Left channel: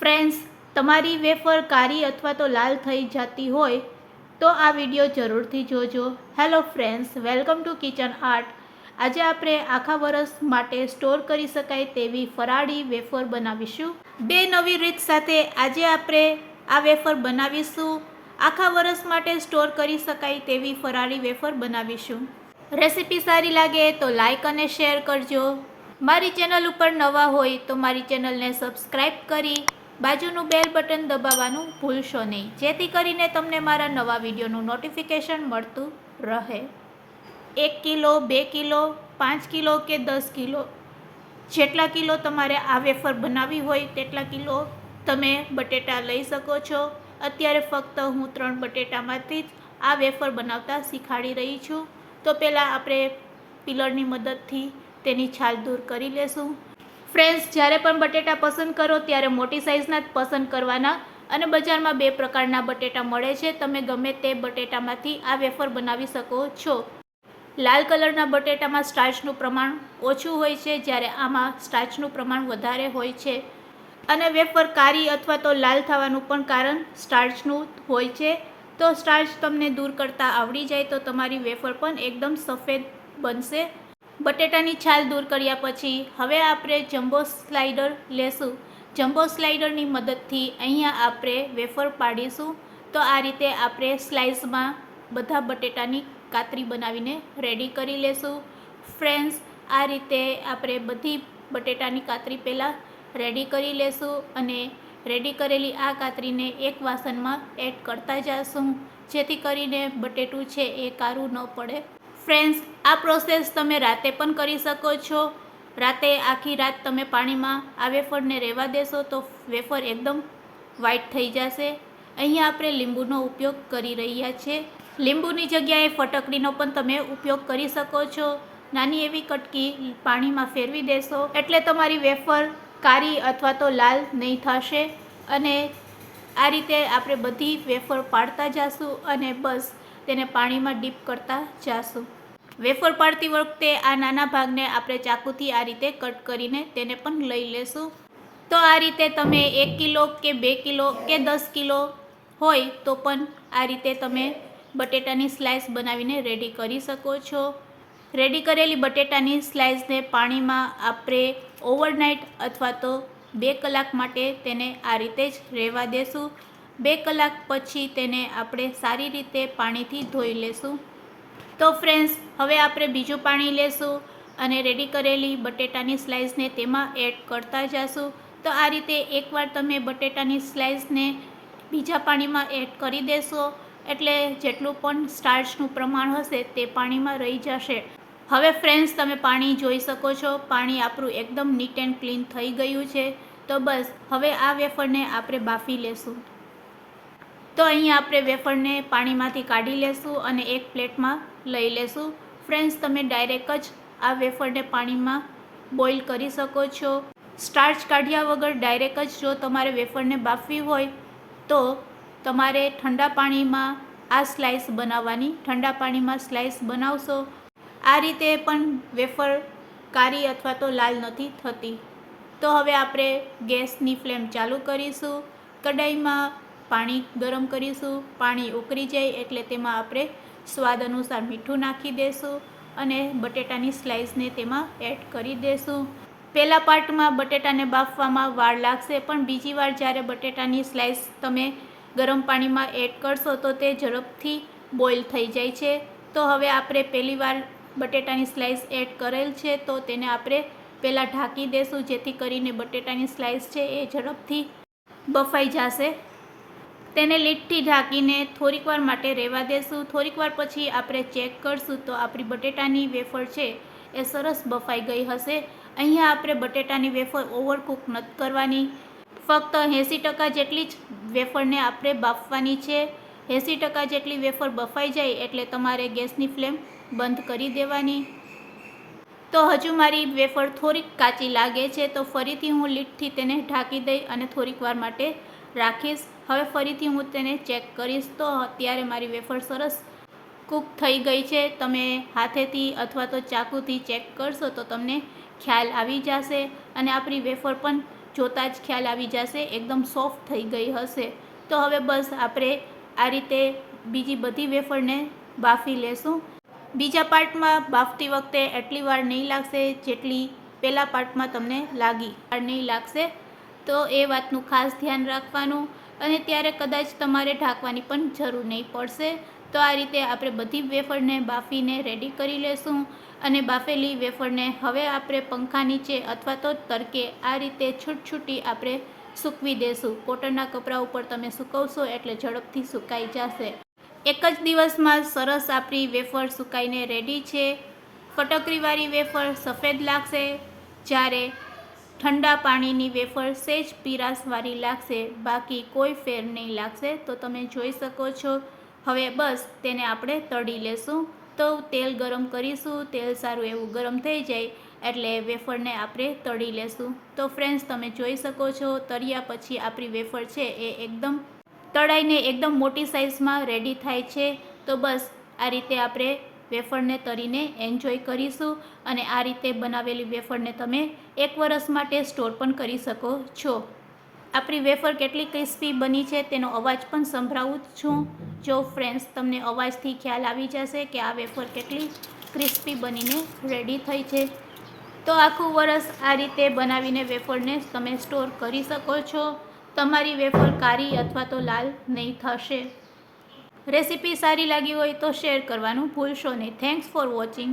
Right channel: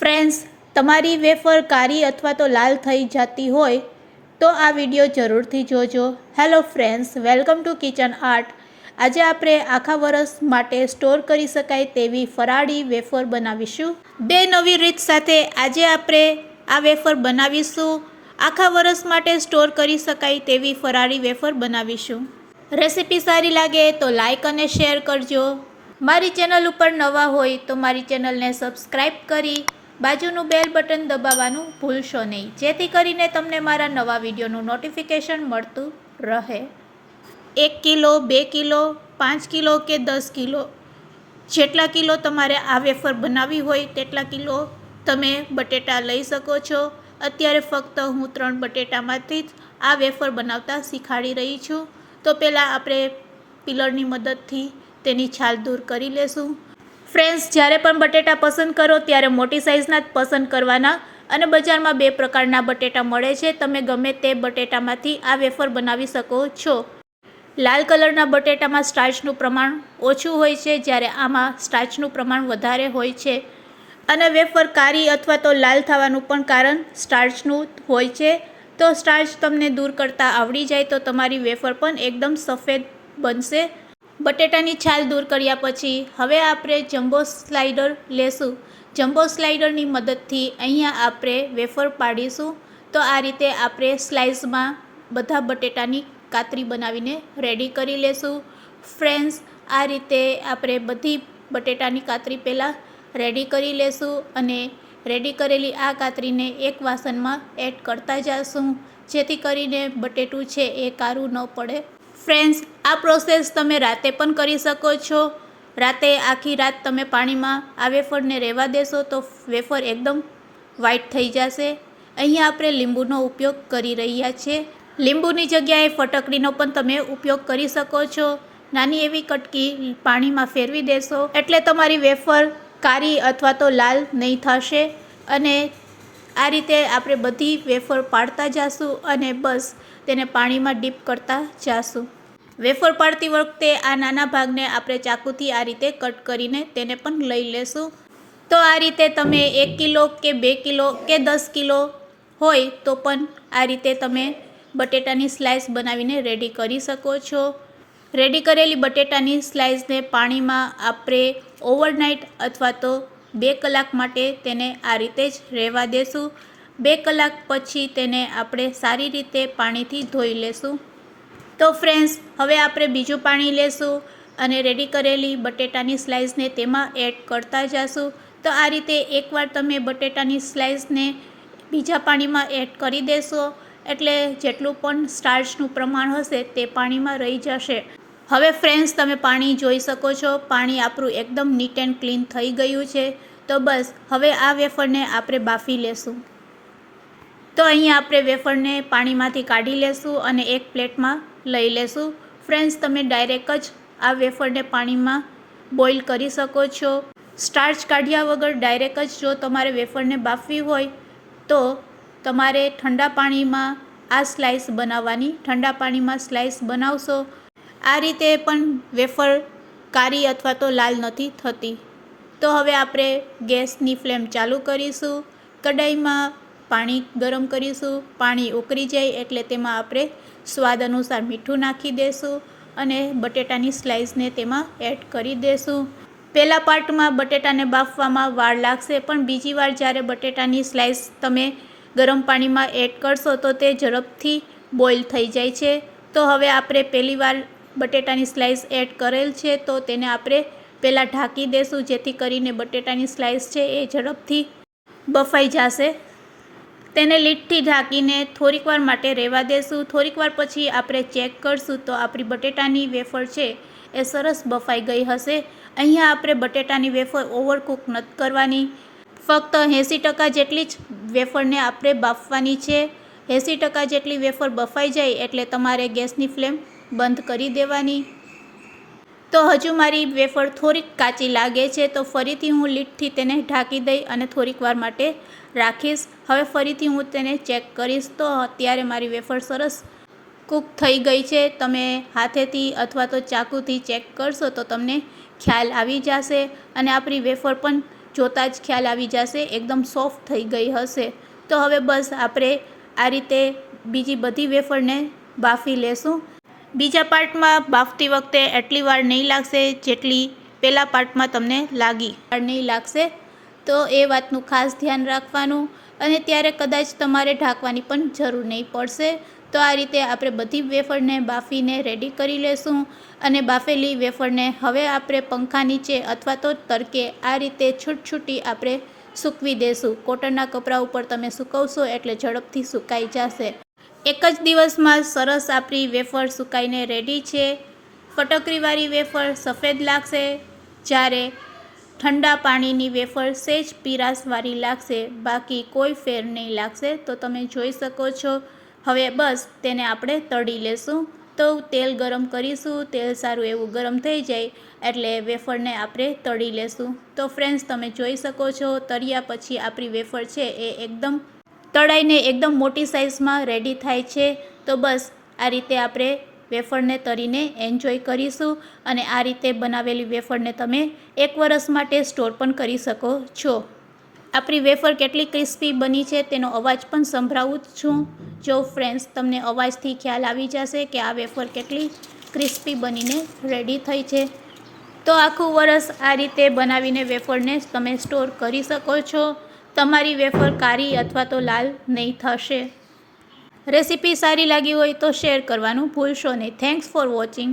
Friends તમારી wafer કાળી અથવા તો લાલ થઈ જતી હોય, તો આ વીડિયો જરૂરથી જોજો. Hello friends welcome to Kitchen Art આજે આપણે આખા વરસ માટે સ્ટોર કરી શકાય તેવી ફરાળી વેફર બનાવીશું. બે નવી રીત સાથે આજે આપણે આ વેફર બનાવીશું. આખા વરસ માટે સ્ટોર કરી શકાય તેવી ફરાળી વેફર બનાવીશું. રેસીપી સારી લાગે તો લાઈક અને શેર કરજો. મારી ચેનલ ઉપર નવા હોય તો મારી ચેનલને સબસ્ક્રાઈબ કરી બાજુનું બેલ બટન દબાવવાનું ભૂલશો નહીં. જેથી કરીને તમને મારા નવા વિડીયોનું નોટિફિકેશન મળતું રહે. એક કિલો, બે કિલો, પાંચ કિલો કે દસ કિલો? જેટલા કિલો તમારે આ વેફર બનાવવી હોય, તેટલા કિલો તમે બટેટા લઈ શકો છો. અત્યારે ફક્ત હું ત્રણ બટેટામાંથી જ આ વેફર બનાવતા શીખાડી રહી છું. તો પહેલાં આપણે પિલરની મદદથી તેની છાલ દૂર કરી લેશું. ફ્રેન્ડ્સ, જ્યારે પણ બટેટા પસંદ કરો ત્યારે મોટી સાઇઝના જ પસંદ કરવાના અને બજારમાં બે પ્રકારના બટેટા મળે છે. તમે ગમે તે બટેટામાંથી આ વેફર બનાવી શકો છો. લાલ કલરના બટેટામાં સ્ટાર્ચનું પ્રમાણ ઓછું હોય છે, જ્યારે આમાં સ્ટાર્ચનું પ્રમાણ વધારે હોય છે. અને વેફર કારી અથવા તો લાલ થવાનું પણ કારણ સ્ટાર્ચનું હોય છે. તો સ્ટાર્ચ તમને દૂર કરતાં આવડી જાય તો તમારી વેફર પણ એકદમ સફેદ બનશે. બટેટાની છાલ દૂર કર્યા પછી હવે આપણે જમ્બો સ્લાઇડર લેશું. જમ્બો સ્લાઇડરની મદદથી અહીંયા આપણે વેફર પાડીશું. તો આ રીતે આપણે સ્લાઇસમાં બધા બટેટાની કાતરી બનાવીને રેડી કરી લેશું. ફ્રેન્ડ્સ, આ રીતે આપણે બધી બટેટાની કાતરી પહેલાં રેડી કરી લેશું અને રેડી કરેલી આ કાતરીને એક વાસણમાં એડ કરતા જઈશું જેથી કરીને બટેટું છે એ કારું ન પડે. ફ્રેન્ડ્સ આ પ્રોસેસ તમે રાતે પણ કરી શકો છો. રાતે આખી રાત તમે પાણીમાં આ વેફરને રહેવા દેશો તો વેફર એકદમ વ્હાઈટ થઈ જશે. અહીંયા આપણે લીંબુનો ઉપયોગ કરી રહ્યા છીએ લીંબુની જગ્યાએ ફટકડીનો પણ તમે ઉપયોગ કરી શકો છો. નાની એવી કટકી પાણીમાં ફેરવી દેશો એટલે તમારી વેફર કારી અથવા તો લાલ નહીં થશે અને આ રીતે આપણે બધી વેફર પાડતા જાશું અને બસ તેને પાણીમાં ડીપ કરતા જાશું. વેફર પાડતી વખતે આ નાના ભાગને આપણે ચાકુથી આ રીતે કટ કરીને તેને પણ લઈ લેશું. તો આ રીતે તમે એક કિલો કે બે કિલો કે દસ કિલો હોય તો પણ આ રીતે તમે બટેટાની સ્લાઇસ બનાવીને રેડી કરી શકો છો. રેડી કરેલી બટેટાની સ્લાઇસને પાણીમાં આપણે ઓવરનાઇટ અથવા તો બે કલાક માટે તેને આ રીતે જ રહેવા દેશું. બે કલાક પછી તેને આપણે સારી રીતે પાણીથી ધોઈ લેશું. તો ફ્રેન્ડ્સ હવે આપણે બીજું પાણી લેશું અને રેડી કરેલી બટેટાની સ્લાઇસને તેમાં એડ કરતા જશું. તો આ રીતે એકવાર તમે બટેટાની સ્લાઇસને બીજા પાણીમાં એડ કરી દેશો, એટલે જેટલું પણ સ્ટાર્ચનું પ્રમાણ હશે તે પાણીમાં રહી જશે. હવે ફ્રેન્ડ્સ તમે પાણી જોઈ શકો છો. પાણી આપણું એકદમ નીટ એન્ડ ક્લીન થઈ ગયું છે. તો બસ, હવે આ વેફરને આપણે બાફી લેશું. તો અહીં આપણે વેફરને પાણીમાંથી કાઢી લેશું અને એક પ્લેટમાં લઈ લેશું. ફ્રેન્ડ્સ, તમે ડાયરેક્ટ જ આ વેફરને પાણીમાં બોઇલ કરી શકો છો. સ્ટાર્ચ કાઢ્યા વગર ડાયરેક્ટ જ જો તમારે વેફરને બાફવી હોય, તો તમારે ઠંડા પાણીમાં આ સ્લાઇસ બનાવવાની. ઠંડા પાણીમાં સ્લાઇસ બનાવશો. આ રીતે પણ વેફર કારી અથવા તો લાલ નથી થતી. તો હવે આપણે ગેસની ફ્લેમ ચાલુ કરીશું. કઢાઈમાં પાણી ગરમ કરીશું, પાણી ઉકળી જાય એટલે તેમાં આપણે સ્વાદ અનુસાર મીઠું નાખી દઈશું અને બટેટાની સ્લાઇસને તેમાં એડ કરી દઈશું પહેલાં પાર્ટમાં બટેટાને બાફવામાં વાર લાગશે, પણ બીજી વાર જ્યારે બટેટાની સ્લાઇસ તમે ગરમ પાણીમાં એડ કરશો તો તે ઝડપથી બોઇલ થઈ જાય છે. તો હવે આપણે પહેલી વાર બટેટાની સ્લાઇસ એડ કરેલ છે, તો તેને આપણે પહેલાં ઢાંકી દેશું, જેથી કરીને બટેટાની સ્લાઇસ છે એ ઝડપથી બફાઈ જશે. તેને લીટથી ઢાંકીને થોડીક વાર માટે રહેવા દેશું. થોડીક વાર પછી આપણે ચેક કરશું તો આપણી બટેટાની વેફર છે એ સરસ બફાઈ ગઈ હશે. અહીંયા આપણે બટેટાની વેફર ઓવરકુક નથી કરવાની. ફક્ત એંસી ટકા જેટલી જ વેફરને આપણે બાફવાની છે. એંસી ટકા જેટલી વેફર બફાઈ જાય એટલે તમારે ગેસની ફ્લેમ બંધ કરી દેવાની. તો હજુ મારી વેફર થોડીક કાચી લાગે છે, તો ફરીથી હું લીટથી તેને ઢાંકી દઈ અને થોડીક વાર માટે રાખીશ. હવે ફરીથી હું તેને ચેક કરીશ તો અત્યારે મારી વેફર સરસ કૂક થઈ ગઈ છે. તમે હાથેથી અથવા તો ચાકુથી ચેક કરશો તો તમને ખ્યાલ આવી જશે અને આપણી વેફર પણ જોતાં જ ખ્યાલ આવી જશે, એકદમ સોફ્ટ થઈ ગઈ હશે. તો હવે બસ આપણે આ રીતે બીજી બધી વેફરને બાફી લેશું. બીજા પાર્ટમાં બાફતી વખતે એટલી વાર નહીં લાગશે જેટલી પહેલા પાર્ટમાં તમને લાગી. વાર નહીં લાગશે, તો એ વાતનું ખાસ ધ્યાન રાખવાનું અને ત્યારે કદાચ તમારે ઢાંકવાની પણ જરૂર નહીં પડશે. તો આ રીતે આપણે બધી વેફરને બાફીને રેડી કરી લેશું અને બાફેલી વેફરને હવે આપણે પંખા નીચે અથવા તો તડકે આ રીતે છૂટછૂટી આપણે સૂકવી દેશું. કોટનના કપડા ઉપર તમે સૂકવશો એટલે ઝડપથી સુકાઈ જશે. એક જ દિવસમાં સરસ આપણી વેફર સુકાઈને રેડી છે. ફટકરીવાળી વેફર સફેદ લાગશે. જ્યારે ઠંડા પાણીની વેફર સેજ પીરાસવાળી લાગશે. બાકી કોઈ ફેર નહીં લાગશે. તો તમે જોઈ શકો છો. હવે બસ તેને આપણે તળી લેશું. તો તેલ ગરમ કરીશું. તેલ સારું એવું ગરમ થઈ જાય એટલે વેફરને આપણે તળી લેશું. તો ફ્રેન્ડ્સ તમે જોઈ શકો છો, તળ્યા પછી આપણી વેફર છે એ એકદમ તળાઈને એકદમ મોટી સાઇઝમાં રેડી થાય છે. તો બસ, આ રીતે આપણે વેફરને તરીને એન્જોય કરીશું અને આ રીતે બનાવેલી વેફરને તમે એક વરસ માટે સ્ટોર પણ કરી શકો છો. આપણી વેફર કેટલી ક્રિસ્પી બની છે તેનો અવાજ પણ સંભળાવું છું. જો ફ્રેન્ડ્સ તમને અવાજથી ખ્યાલ આવી જશે કે આ વેફર કેટલી ક્રિસ્પી બનીને રેડી થઈ છે. તો આખું વરસ આ રીતે બનાવીને વેફરને તમે સ્ટોર કરી શકો છો. તમારી વેફર કારી અથવા તો લાલ નહીં થશે. રેસીપી સારી લાગી હોય તો શેર કરવાનું ભૂલશો નહીં. Thanks for watching